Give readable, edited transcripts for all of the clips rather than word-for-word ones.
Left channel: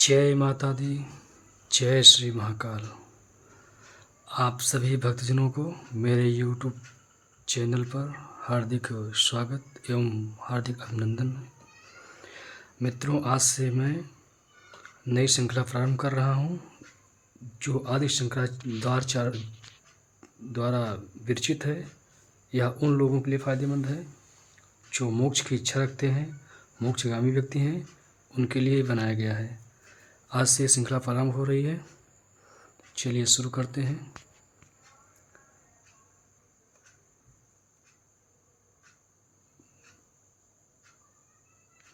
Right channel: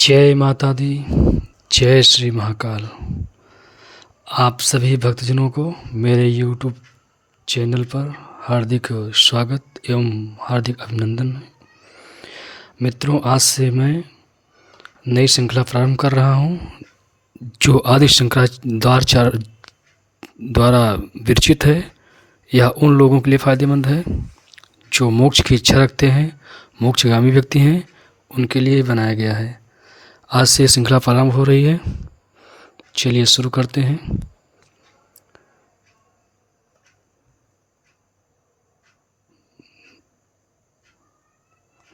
जय माता दी, जय श्री महाकाल। आप सभी भक्तजनों को मेरे YouTube चैनल पर हार्दिक स्वागत एवं हार्दिक अभिनंदन है। मित्रों, आज से मैं नई श्रृंखला प्रारंभ कर रहा हूं, जो आदि शंकराचार्य द्वारा विरचित है। यह उन लोगों के लिए फ़ायदेमंद है जो मोक्ष की इच्छा रखते हैं, मोक्षगामी व्यक्ति हैं, उनके लिए बनाया गया है। आज से श्रृंखला प्रारंभ हो रही है। चलिए शुरू करते हैं।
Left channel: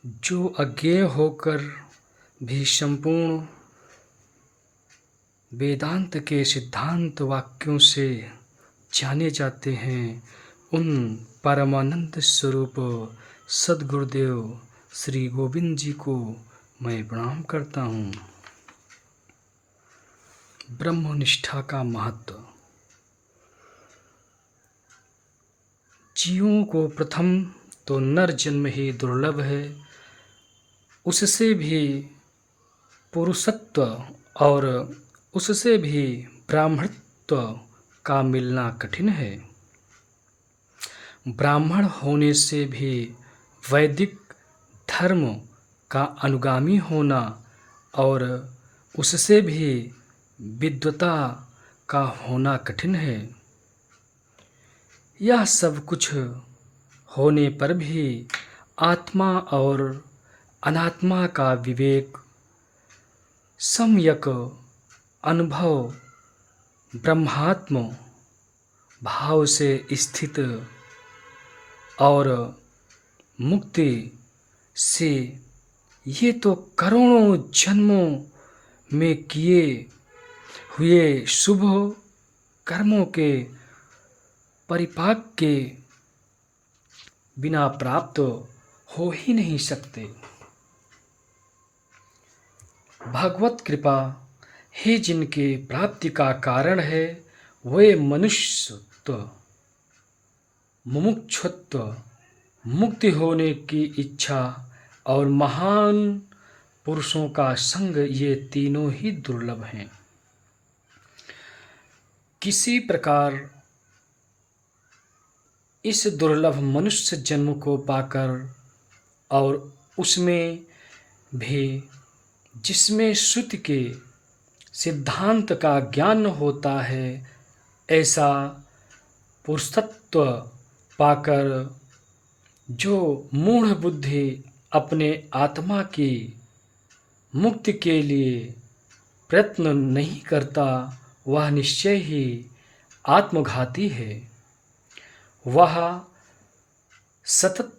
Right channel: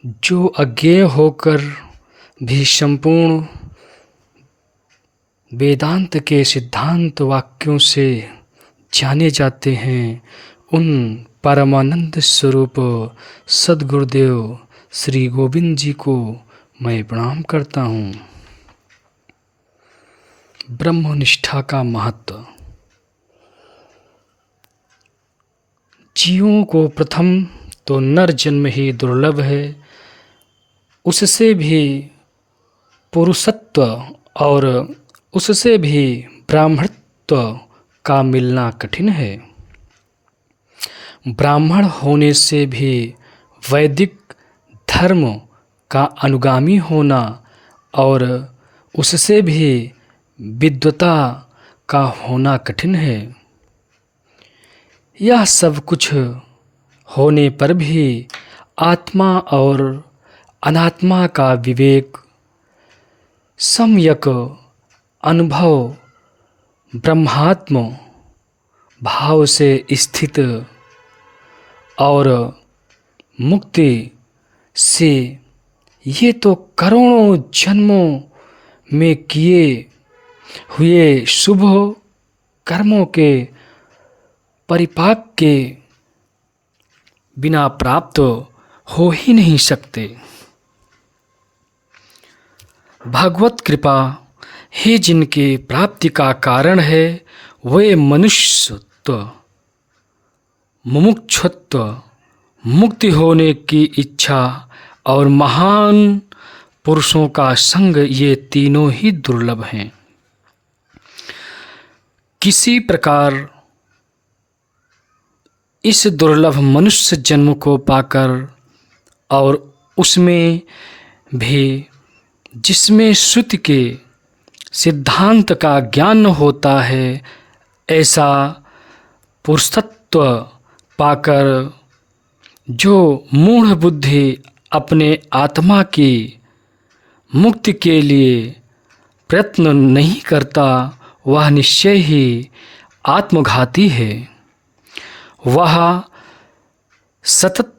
जो अज्ञेय होकर भी संपूर्ण वेदांत के सिद्धांत वाक्यों से जाने जाते हैं, उन परमानंद स्वरूप सद्गुरुदेव श्री गोविंद जी को मैं प्रणाम करता हूँ। ब्रह्मनिष्ठा का महत्व। जीवों को प्रथम तो नर जन्म ही दुर्लभ है, उससे भी पुरुषत्व और उससे भी ब्राह्मणत्व का मिलना कठिन है। ब्राह्मण होने से भी वैदिक धर्म का अनुगामी होना और उससे भी विद्वता का होना कठिन है। यह सब कुछ होने पर भी आत्मा और अनात्मा का विवेक, सम्यक अनुभव, ब्रह्मात्म भाव से स्थित और मुक्ति से, ये तो करोड़ों जन्मों में किए हुए शुभ कर्मों के परिपाक के बिना प्राप्त हो ही नहीं सकते। भगवत कृपा ही जिनकी प्राप्ति का कारण है, वे मनुष्यत्व, मुमुक्षुत्व, मुक्ति होने की इच्छा और महान पुरुषों का संग, ये तीनों ही दुर्लभ हैं। किसी प्रकार इस दुर्लभ मनुष्य जन्म को पाकर और उसमें भी जिसमें श्रुति के सिद्धांत का ज्ञान होता है, ऐसा पुरुषत्व पाकर जो मूढ़ बुद्धि अपने आत्मा की मुक्ति के लिए प्रयत्न नहीं करता, वह निश्चय ही आत्मघाती है। वह सतत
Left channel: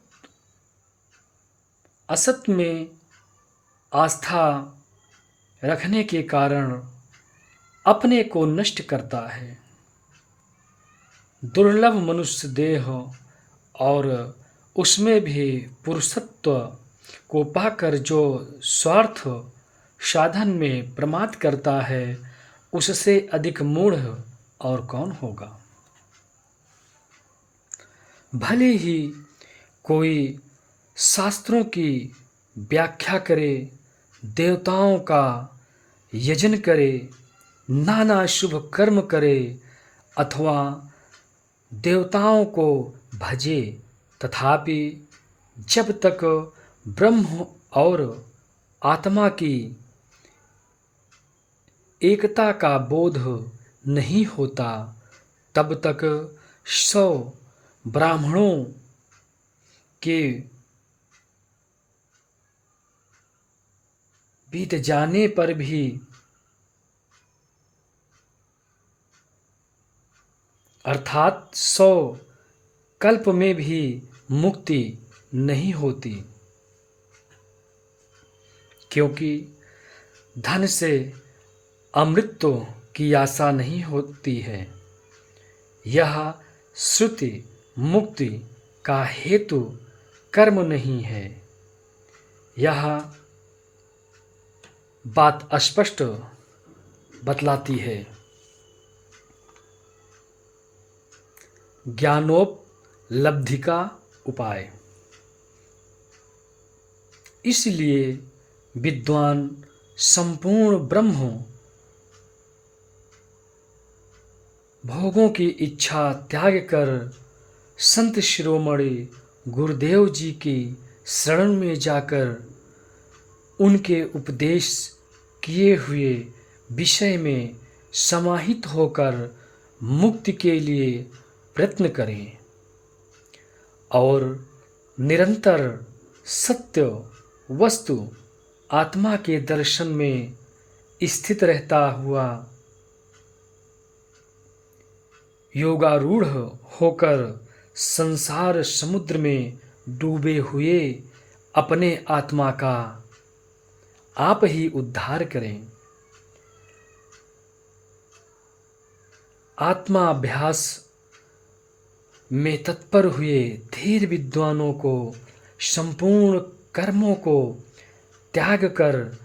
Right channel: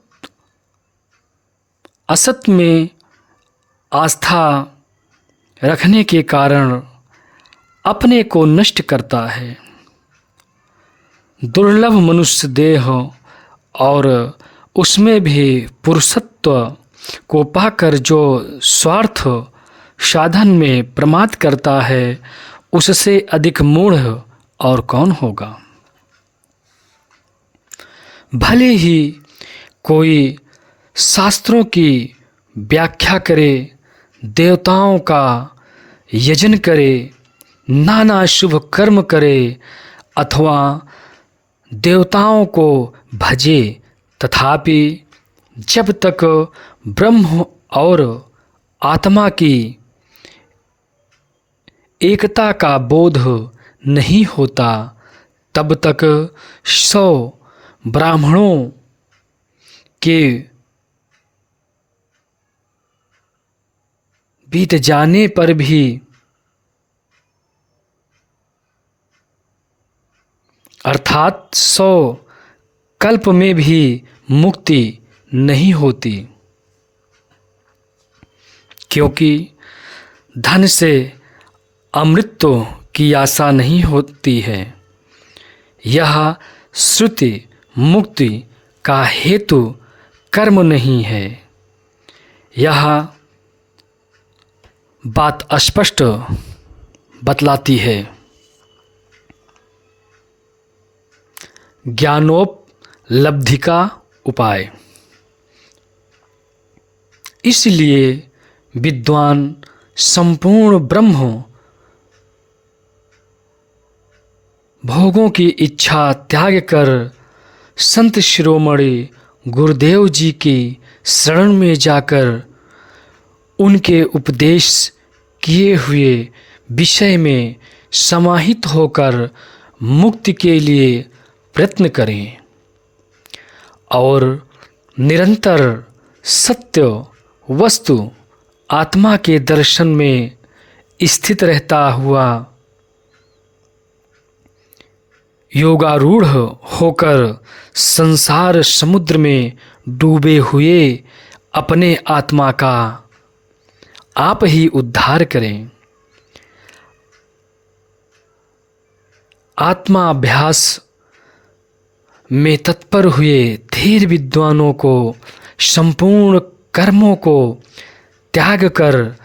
असत में आस्था रखने के कारण अपने को नष्ट करता है। दुर्लभ मनुष्य देह और उसमें भी पुरुषत्व को पाकर जो स्वार्थ साधन में प्रमाद करता है, उससे अधिक मूढ़ और कौन होगा। भले ही कोई शास्त्रों की व्याख्या करे, देवताओं का यजन करे, नाना शुभ कर्म करे अथवा देवताओं को भजे, तथापि जब तक ब्रह्म और आत्मा की एकता का बोध नहीं होता, तब तक 100 ब्राह्मणों के बीत जाने पर भी अर्थात 100 कल्प में भी मुक्ति नहीं होती, क्योंकि धन से अमृतत्व की आशा नहीं होती है। यह श्रुति मुक्ति का हेतु कर्म नहीं है। यह बात स्पष्ट बतलाती है। ज्ञानोपलब्धि का उपाय। इसलिए विद्वान संपूर्ण ब्रह्म भोगों की इच्छा त्याग कर संत शिरोमणि गुरुदेव जी की शरण में जाकर उनके उपदेश किए हुए विषय में समाहित होकर मुक्ति के लिए प्रयत्न करें और निरंतर सत्य वस्तु आत्मा के दर्शन में स्थित रहता हुआ योगारूढ़ होकर संसार समुद्र में डूबे हुए अपने आत्मा का आप ही उद्धार करें। आत्मा अभ्यास में तत्पर हुए धीर विद्वानों को संपूर्ण कर्मों को त्याग कर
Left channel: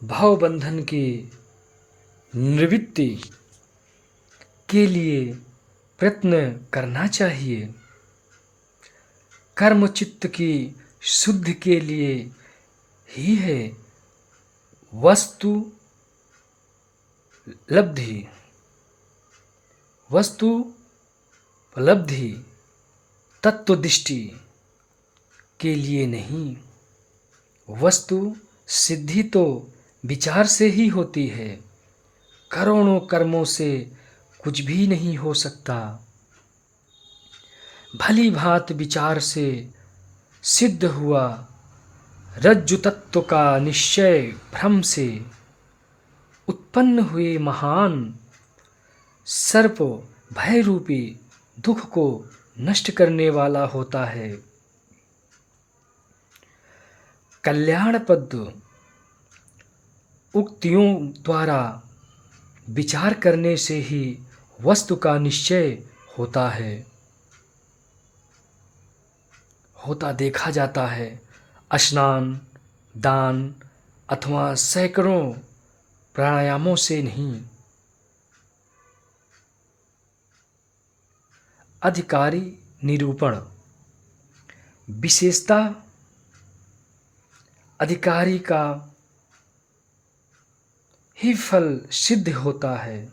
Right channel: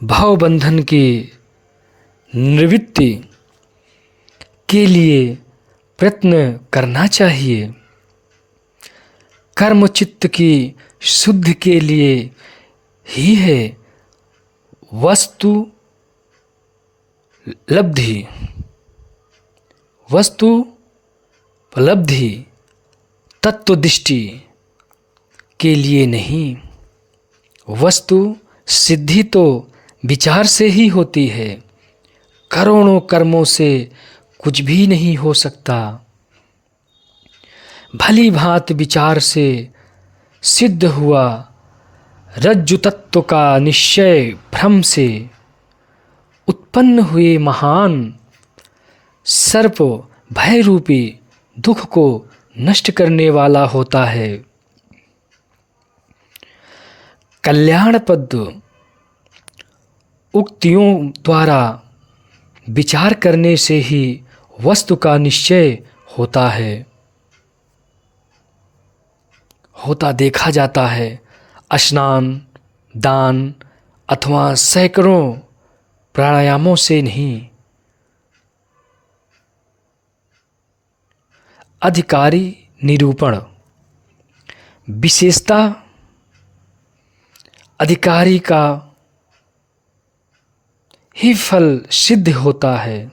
भवबंधन की निवृत्ति के लिए प्रयत्न करना चाहिए। कर्म चित्त की शुद्धि के लिए ही है वस्तु उपलब्धि तत्वदृष्टि के लिए नहीं। वस्तु सिद्धि तो विचार से ही होती है। करोड़ों कर्मों से कुछ भी नहीं हो सकता। भली भांति विचार से सिद्ध हुआ रज्जु तत्व का निश्चय भ्रम से उत्पन्न हुए महान सर्प भय रूपी दुख को नष्ट करने वाला होता है। कल्याणप्रद उक्तियों द्वारा विचार करने से ही वस्तु का निश्चय होता देखा जाता है। स्नान दान अथवा सैकड़ों प्राणायामों से नहीं। अधिकारी निरूपण विशेषता अधिकारी का ही फल सिद्ध होता है।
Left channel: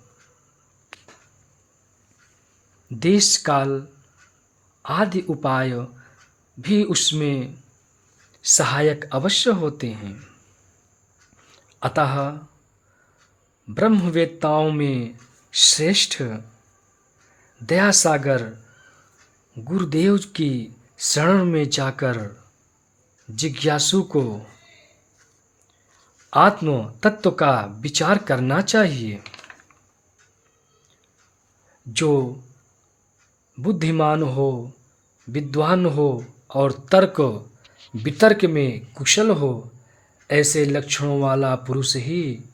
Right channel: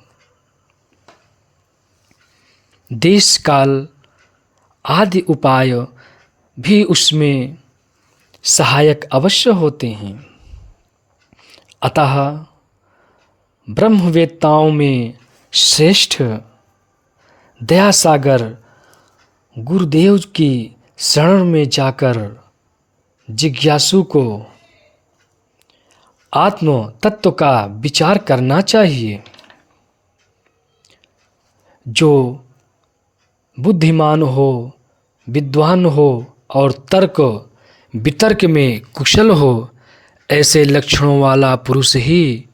देश काल आदि उपाय भी उसमें सहायक अवश्य होते हैं। अतः ब्रह्मवेत्ताओं में श्रेष्ठ दयासागर गुरुदेव की शरण में जाकर जिज्ञासु को आत्म तत्व का विचार करना चाहिए। जो बुद्धिमान हो, विद्वान हो और तर्क वितर्क में कुशल हो, ऐसे लक्षणों वाला पुरुष ही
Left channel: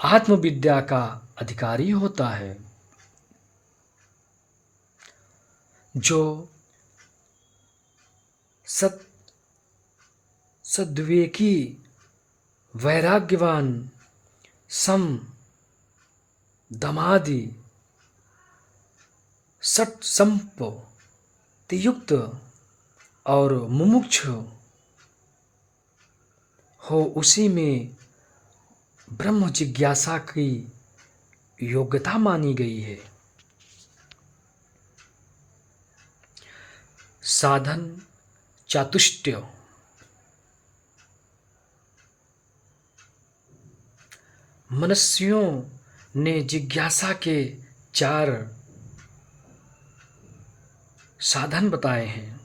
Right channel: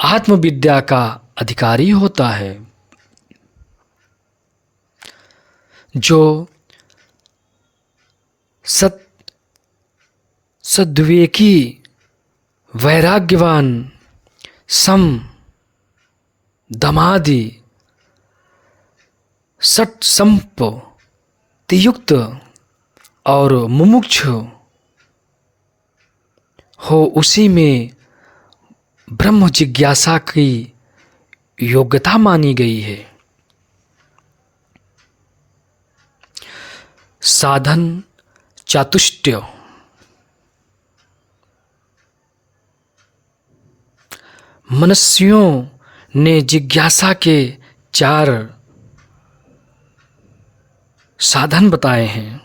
आत्मविद्या का अधिकारी होता है। जो सद्विवेकी वैराग्यवान सम दमादि सट संपत्तियुक्त और मुमुक्षु हो, उसी में ब्रह्म जिज्ञासा की योग्यता मानी गई है। साधन चातुष्टय मनुष्यों ने जिज्ञासा के 4 साधन बताए हैं।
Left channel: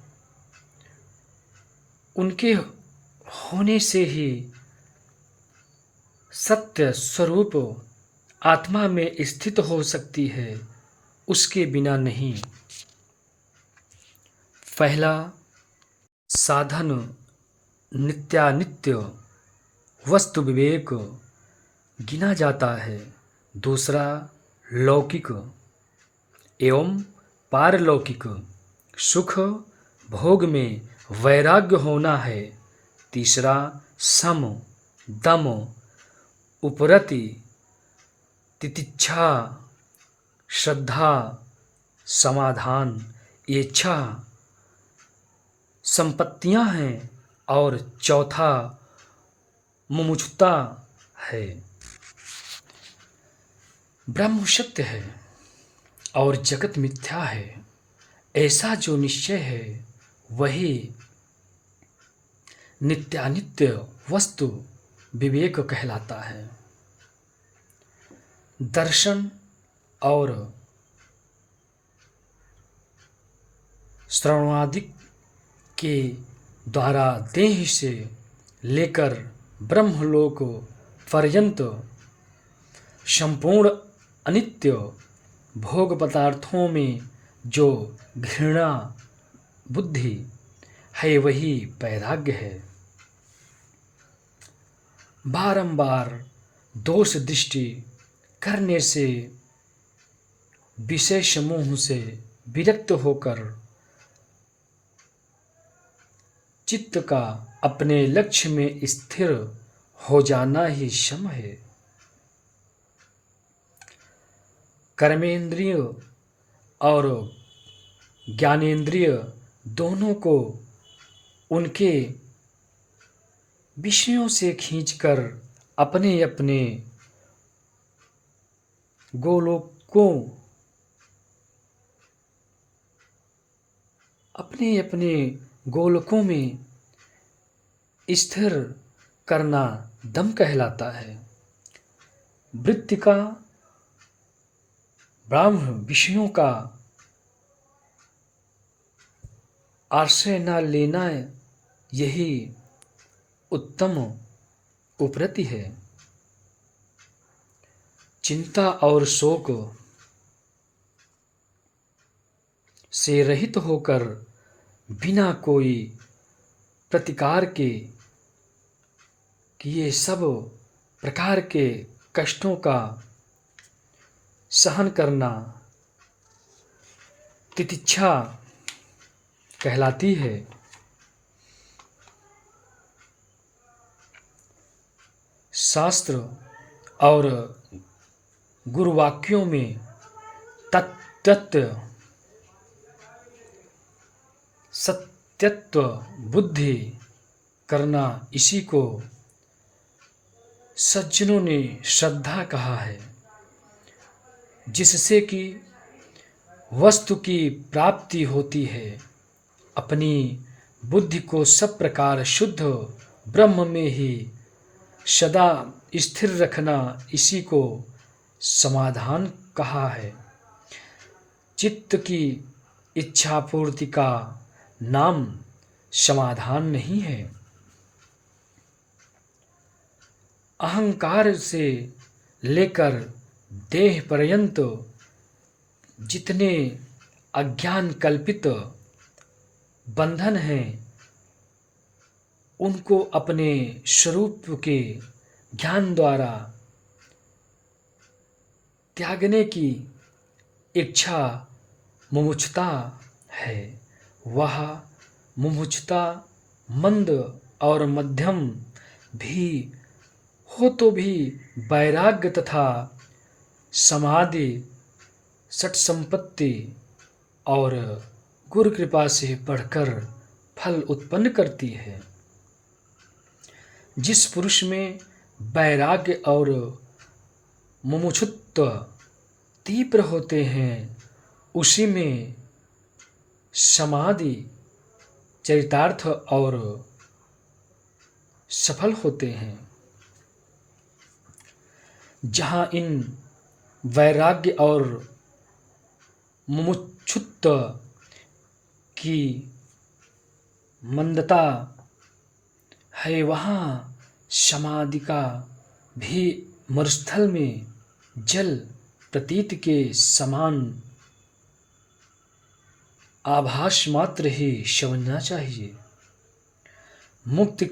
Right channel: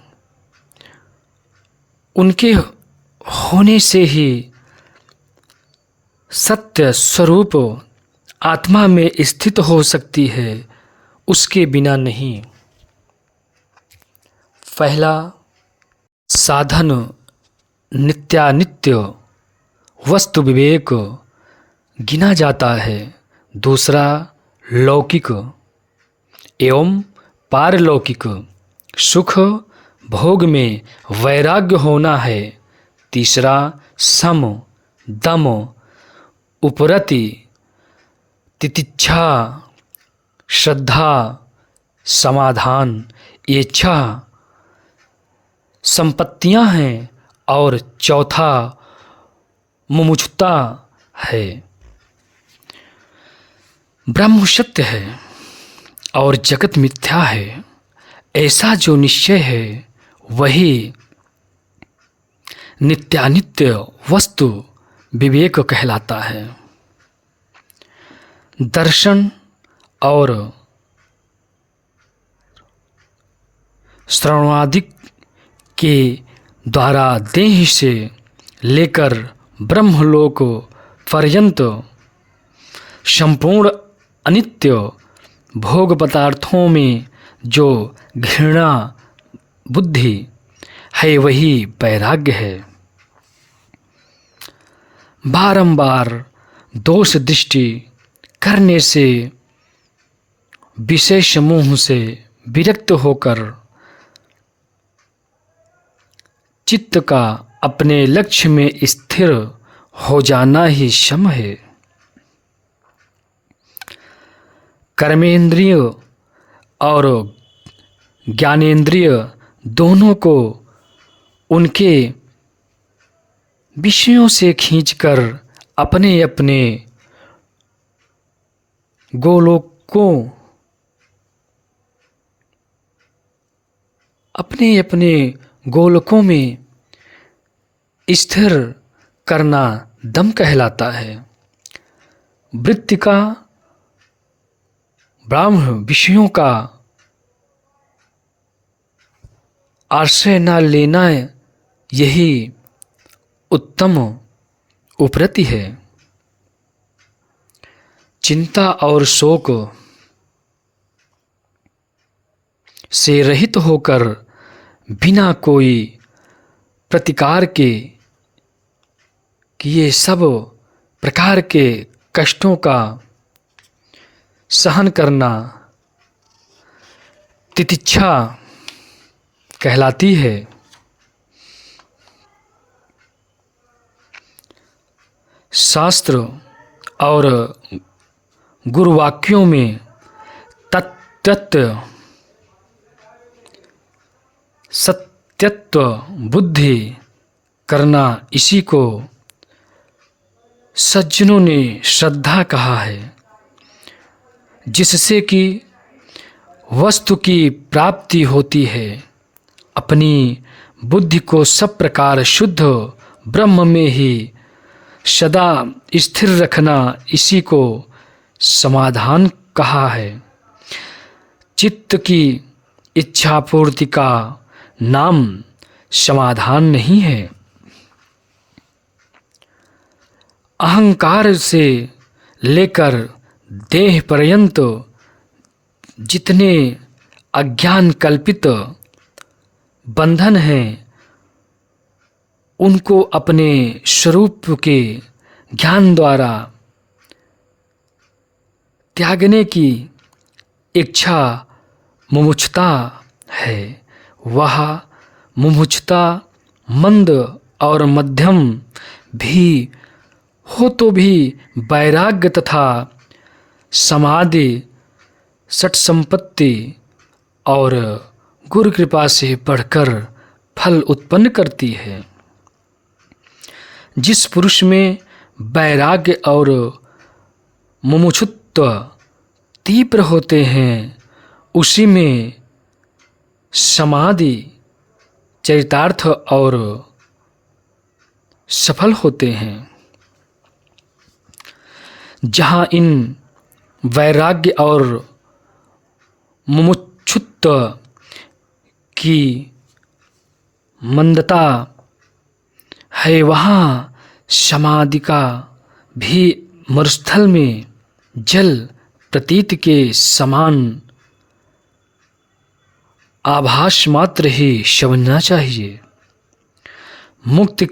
उनके होने से ही सत्य स्वरूप आत्मा में स्थित हो सकती है, उसके बिना नहीं। पहला साधन नित्यानित्य वस्तु विवेक गिना जाता है। दूसरा लौकिक एवं पारलौकिक सुख भोग में वैराग्य होना है। तीसरा सम दम उपरति तितिक्षा श्रद्धा समाधान ये 6 संपत्तियां हैं। और चौथा मुमुक्षुता है। ब्रह्म सत्य है और जगत मिथ्या है, ऐसा जो निश्चय है वही नित्यानित्य वस्तु विवेक कहलाता है। दर्शन और श्रवणादिक के द्वारा देह से लेकर ब्रह्मलोक पर्यंत संपूर्ण अनित्य भोग पदार्थों में जो घृणा बुद्धि है वही वैराग्य है। बारंबार दोष दृष्टि करने से विषय समूह से विरक्त होकर चित्त का अपने लक्ष्य में स्थिर हो जाना ही शम है। कर्मेंद्रिय और ज्ञानेंद्रिय दोनों को उनके विषयों से खींचकर अपने अपने गोलकों में स्थिर करना दम कहलाता है। वृत्ति का ब्रह्म विषयों का आश्रय न लेना यही उत्तम उपरति है। चिंता और शोक से रहित होकर बिना कोई प्रतिकार के किए सब प्रकार के कष्टों का सहन करना तितिक्षा कहलाती है। शास्त्र और गुरुवाक्यों में तत्व सत्यत्व बुद्धि करना इसी को सज्जनों ने श्रद्धा कहा है, जिससे कि वस्तु की प्राप्ति होती है। अपनी बुद्धि को सब प्रकार शुद्ध ब्रह्म में ही सदा स्थिर रखना इसी को समाधान कहा है। चित्त की इच्छा पूर्ति का नाम समाधान नहीं है। अहंकार से लेकर देह पर्यंत जितने अज्ञान कल्पित बंधन हैं उनको अपने स्वरूप के ज्ञान द्वारा त्यागने की इच्छा मुमुक्षुता है। वह मुमुक्षुता मंद और मध्यम भी हो तो भी वैराग्य तथा समाधि सट संपत्ति और गुरु कृपा से बढ़कर फल उत्पन्न करती है। जिस पुरुष में वैराग्य और मुमुक्षुत्व तीव्र होते हैं उसी में समाधि चरितार्थ और सफल होते हैं। जहाँ इन वैराग्य और मुमुक्षुत्व की मंदता है वहाँ समाधि का भी मरुस्थल में जल प्रतीत के समान आभास मात्र ही समझना चाहिए। मुक्त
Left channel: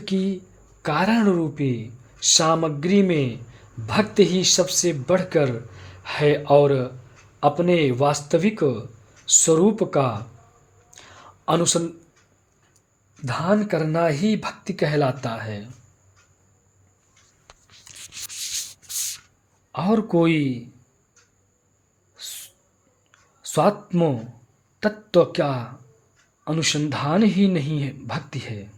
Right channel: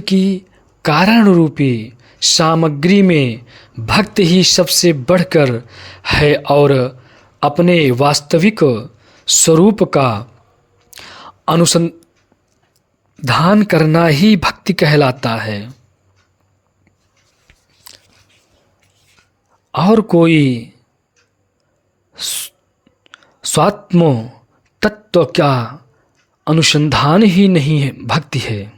की कारण रूपी सामग्री में भक्त ही सबसे बढ़कर है और अपने वास्तविक स्वरूप का अनुसंधान करना ही भक्ति कहलाता है। और कोई स्वात्म तत्व क्या अनुसंधान ही नहीं है भक्ति है,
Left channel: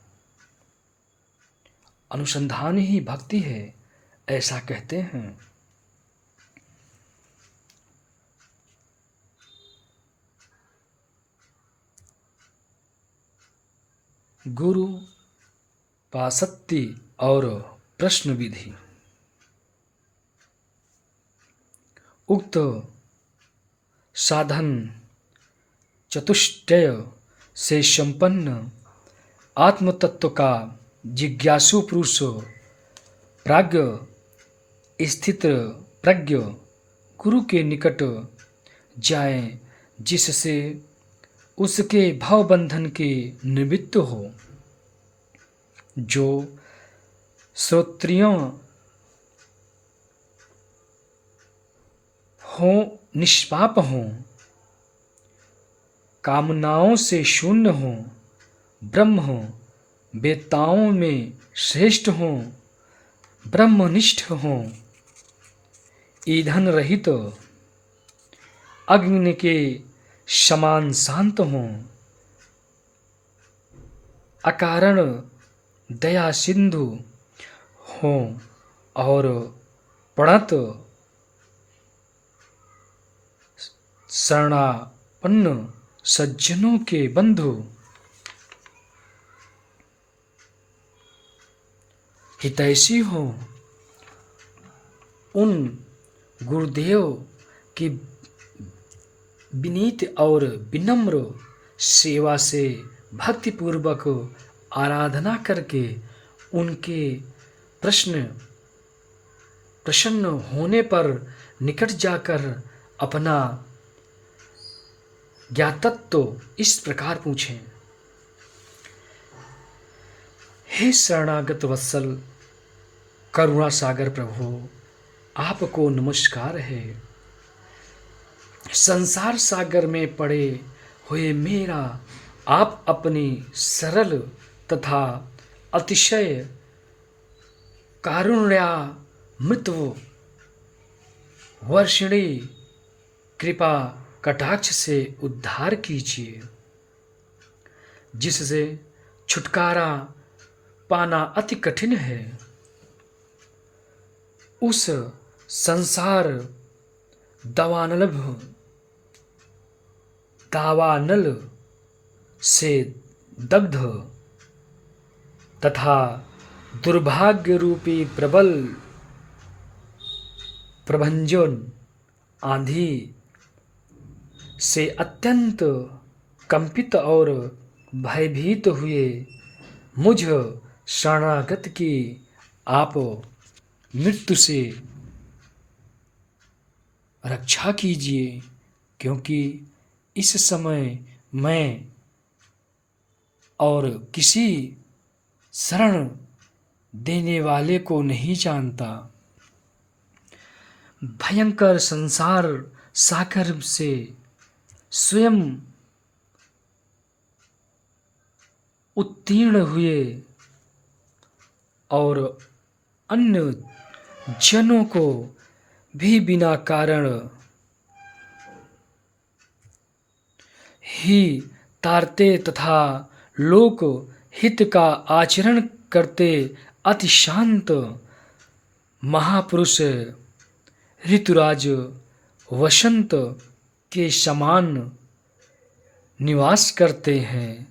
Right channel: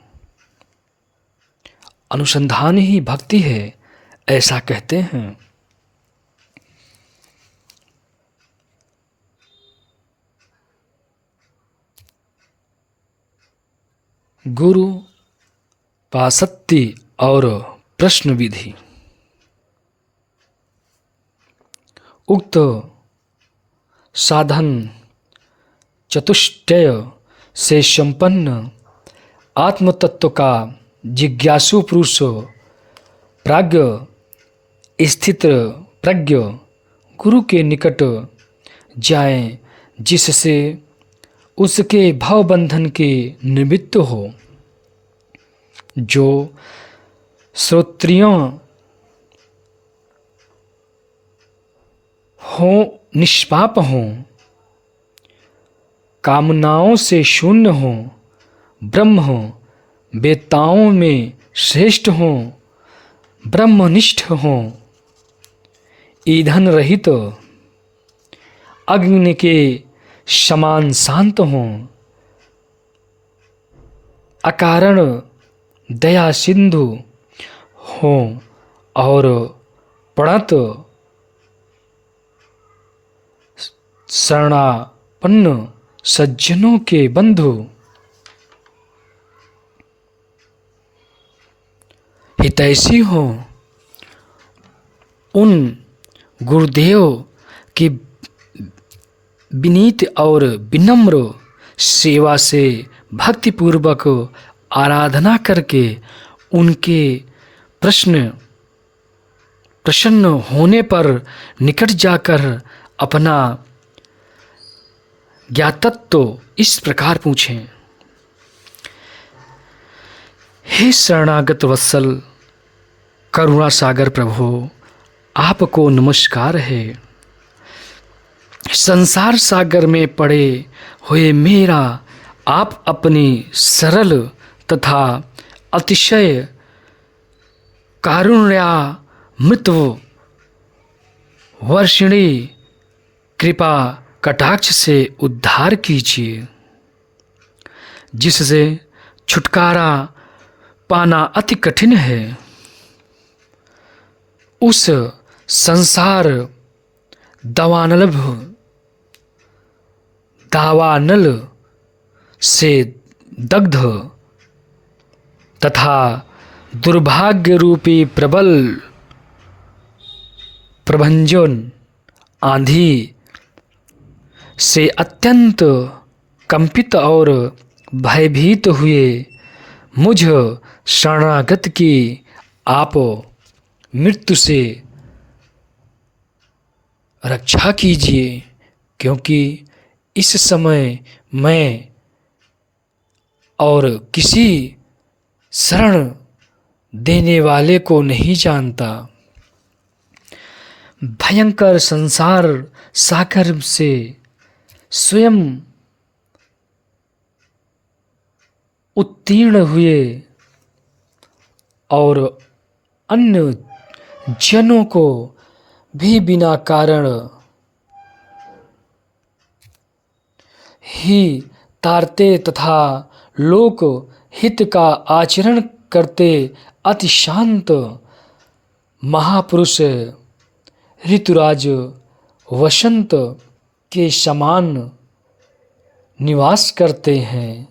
अनुसंधान ही भक्ति है, ऐसा कहते हैं। गुरु पासत्ति और प्रश्न विधि। उक्त साधन चतुष्टय से संपन्न आत्मतत्व का जिज्ञासु पुरुष प्राज्ञ स्थित प्रज्ञ गुरु के निकट जाए, जिससे उसके भवबंधन के निमित्त हो। जो श्रोत्रियों हो, निष्पाप हों, कामनाओं से शून्य हों, ब्रह्म हों, वेत्ताओं में श्रेष्ठ हों, ब्रह्मनिष्ठ हों, ईंधन रहित अग्नि के समान शांत हों, अकारण दया सिंधु हों और प्रणत शरणापन्न सज्जनों के बंधु हितैषी हों। उन गुरुदेव की विनीत और विनम्र सेवा से भक्तिपूर्वक आराधना करके उनके प्रसन्न होने पर निकट जाकर अपना ज्ञातत्व इस प्रकार पूछें। हे शरणागत वत्सल करुणा सागर प्रभु, आपको नमस्कार है। संसार सागर में पड़े हुए मेरा आप अपनी सरल तथा अतिशय कारुण्यामृत वर्षिणी कृपा कटाक्ष से उद्धार कीजिए, जिससे छुटकारा पाना अति कठिन है। उस संसार दावानल से दग्ध तथा दुर्भाग्य रूपी प्रबल प्रभंजन आंधी से अत्यंत कंपित और भयभीत हुए मुझ शरणागत की आप मृत्यु से रक्षा कीजिए, क्योंकि इस समय मैं और किसी शरण देने वाले को नहीं जानता। भयंकर संसार सागर से स्वयं उत्तीर्ण हुए और अन्य जनों को भी बिना कारण ही तारते तथा लोक हित का आचरण करते अति शांत महापुरुष ऋतुराज वसंत के समान निवास करते हैं।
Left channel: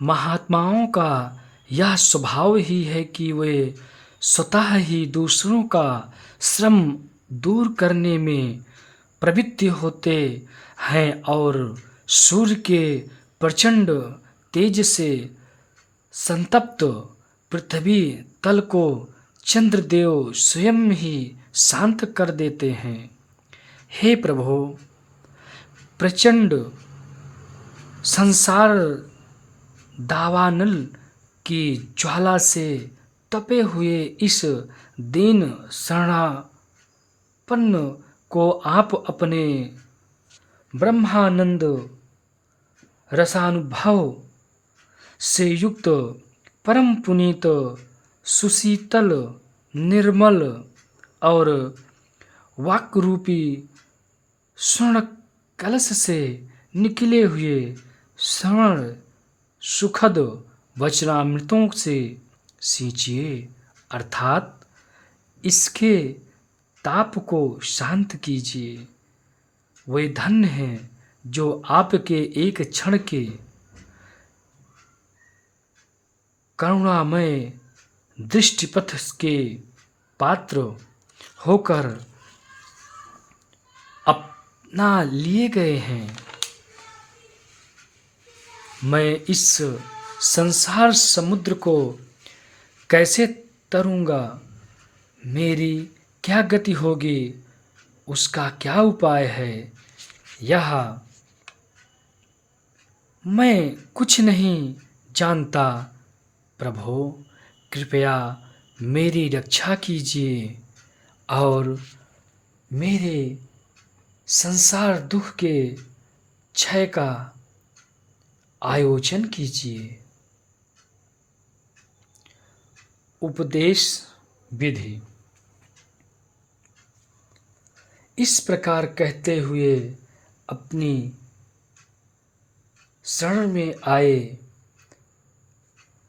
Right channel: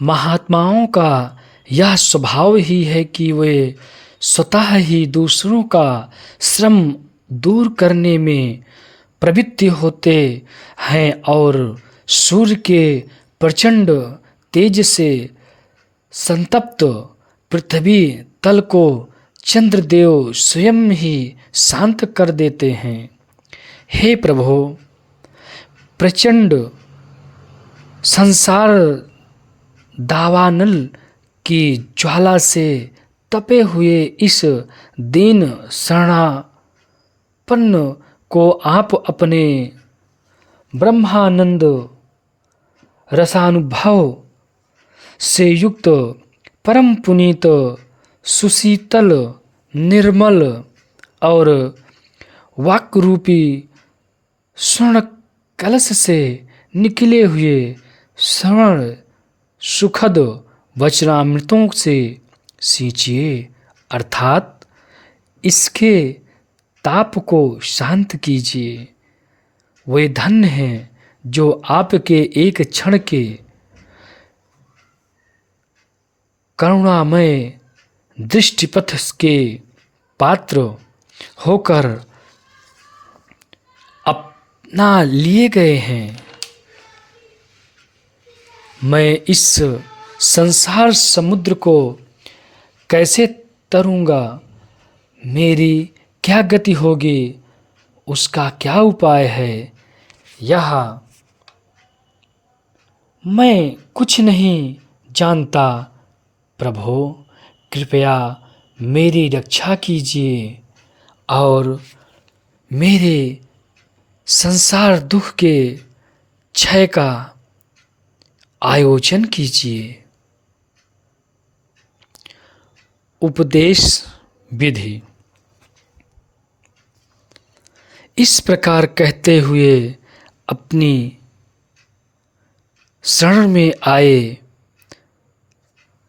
महात्माओं का यह स्वभाव ही है कि वे स्वतः ही दूसरों का श्रम दूर करने में प्रवृत्त होते हैं और सूर्य के प्रचंड तेज से संतप्त पृथ्वी तल को चंद्रदेव स्वयं ही शांत कर देते हैं। हे प्रभु, प्रचंड संसार दावानल की ज्वाला से तपे हुए इस दीन शरणापन्न को आप अपने ब्रह्मानंद रसानुभव से युक्त परम पुनीत सुशीतल निर्मल और वाक्रूपी स्वर्ण कलश से निकले हुए श्रवण सुखद वचनामृतों से सींचिए, अर्थात इसके ताप को शांत कीजिए। वे धन्य हैं जो आपके एक क्षण के करुणामय दृष्टिपथ के पात्र होकर अपना लिए गए हैं। मैं इस संसार समुद्र को कैसे तरूंगा, मेरी क्या गति होगी, उसका क्या उपाय है, यह मैं कुछ नहीं जानता। प्रभो, कृपया मेरी रक्षा कीजिए और मेरे संसार दुख के क्षय का आयोजन कीजिए। उपदेश विधि। इस प्रकार कहते हुए अपनी शरण में आए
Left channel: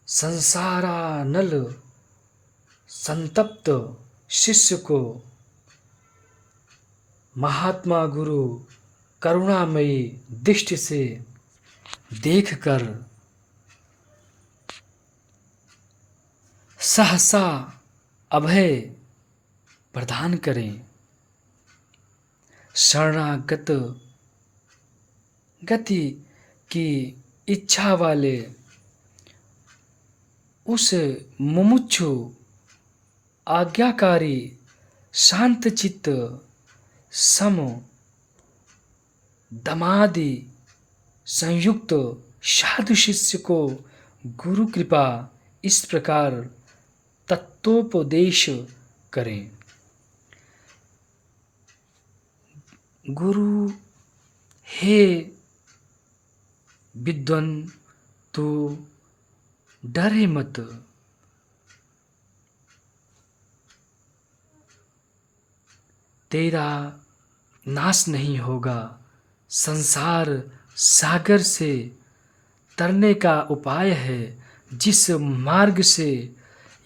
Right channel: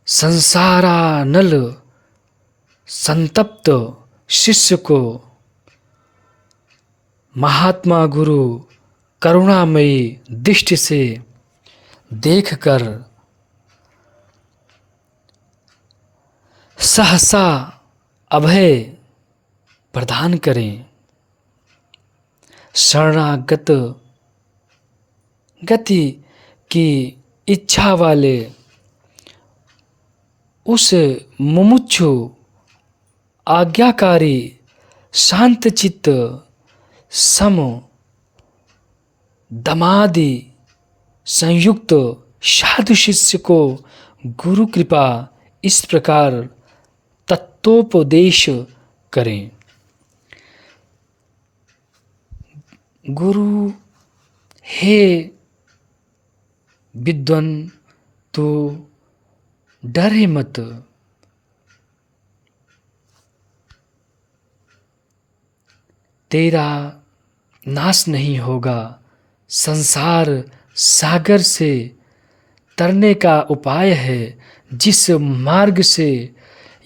संसारानल संतप्त शिष्य को महात्मा गुरु करुणामयी दृष्टि से देखकर सहसा अभय प्रदान करें। शरणागत गति की इच्छा वाले उस मुमुक्षु आज्ञाकारी शांतचित्त सम दमादि संयुक्त साधु शिष्य को गुरु कृपा इस प्रकार तत्वोपदेश करें। गुरु, हे विद्वान, तो डरे मत। तेरा नाश नहीं होगा। संसार सागर से तरने का उपाय है। जिस मार्ग से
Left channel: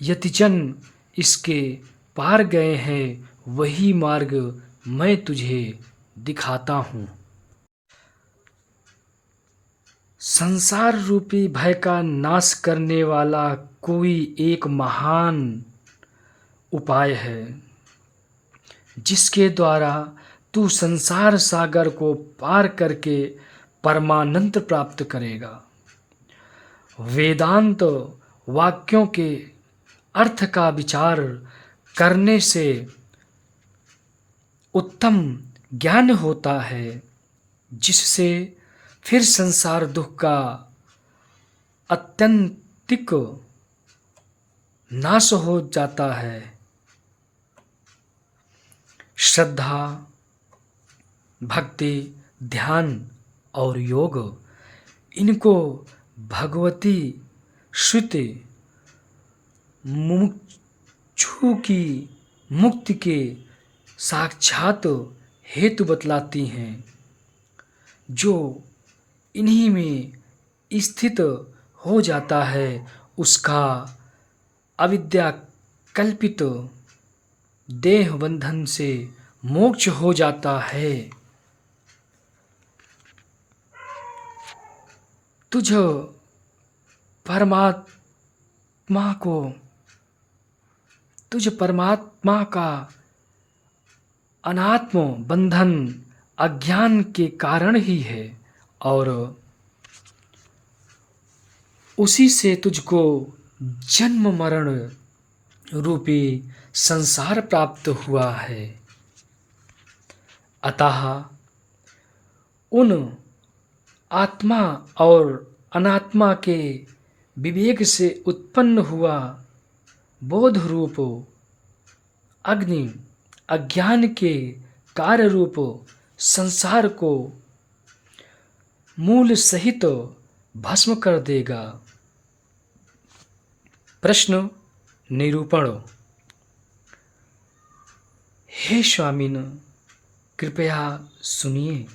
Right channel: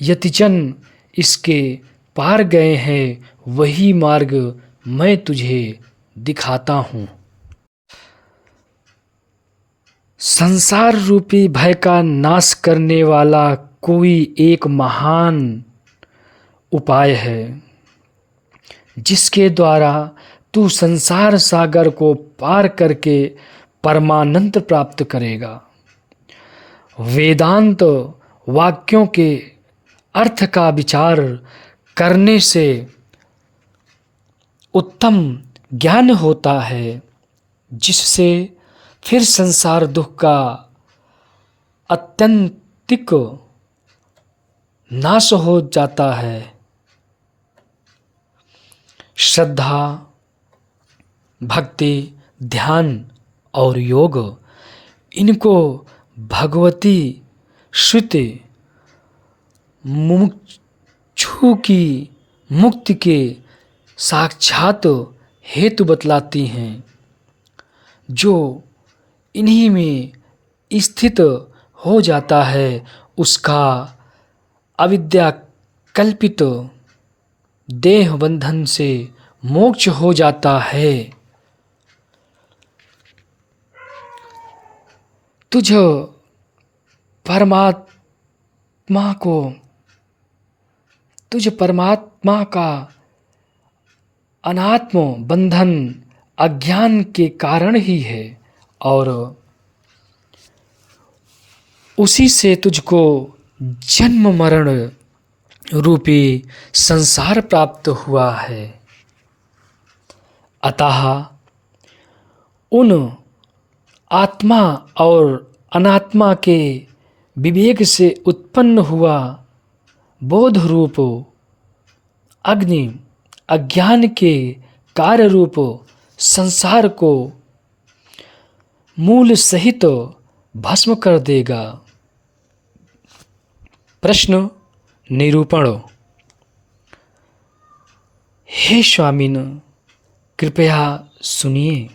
यतिजन इसके पार गए हैं, वही मार्ग मैं तुझे दिखाता हूँ। संसार रूपी भय का नाश करने वाला कोई एक महान उपाय है, जिसके द्वारा तू संसार सागर को पार करके परमानंद प्राप्त करेगा। वेदांत वाक्यों के अर्थ का विचार करने से उत्तम ज्ञान होता है, जिससे फिर संसार दुख का अत्यंतिक नाश हो जाता है। श्रद्धा, भक्ति, ध्यान और योग, इनको भगवती श्रुति मुमुक्षु की मुक्ति के साक्षात हेतु बतलाती हैं। जो इन्हीं में स्थित हो जाता है, उसका अविद्या कल्पित देह बंधन से मोक्ष हो जाता है। तुझ परमात्मा का अनात्म बंधन अज्ञान के कारण ही है, और उसी से तुझको जन्म मरण रूपी संसार प्राप्त हुआ है। अतः उन आत्मा और अनात्मा के विवेक से उत्पन्न हुआ बोध रूप अग्नि अज्ञान के कार्य रूप संसार को मूल सहित भस्म कर देगा। प्रश्न निरूपण। हे स्वामिन, कृपया सुनिए।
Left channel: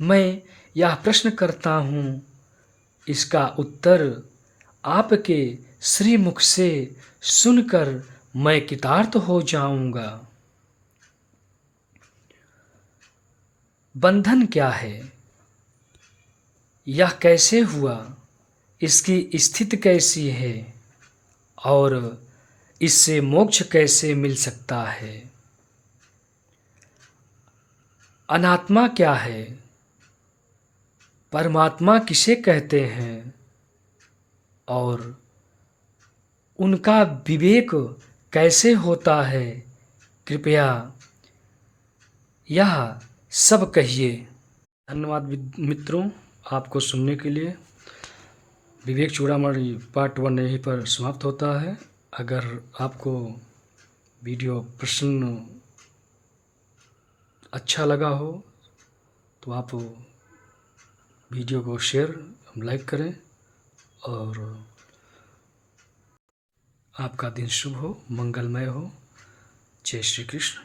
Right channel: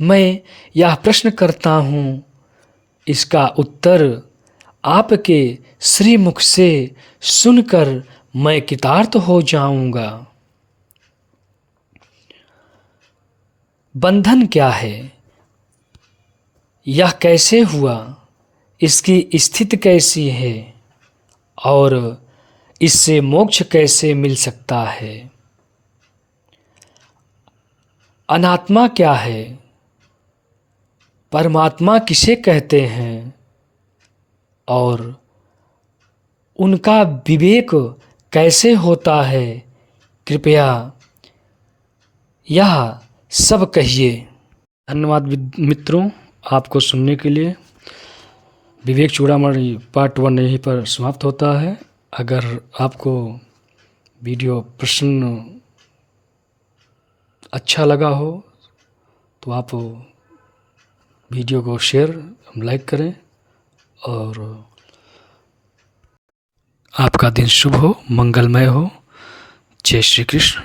मैं यह प्रश्न करता हूँ, इसका उत्तर आपके श्रीमुख से सुनकर मैं कृतार्थ हो जाऊंगा। बंधन क्या है? यह कैसे हुआ? इसकी स्थिति कैसी है? और इससे मोक्ष कैसे मिल सकता है? अनात्मा क्या है? परमात्मा किसे कहते हैं? और उनका विवेक कैसे होता है? कृपया यह सब कहिए। धन्यवाद मित्रों, आपको सुनने के लिए। विवेक चूड़ामणि पार्ट 1 यहीं पर समाप्त होता है। अगर आपको वीडियो प्रश्न अच्छा लगा हो तो आप वीडियो को शेयर लाइक करें, और आपका दिन शुभ हो, मंगलमय हो। जय श्री कृष्ण,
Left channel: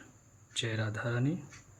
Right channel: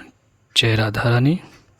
जय राधा रानी।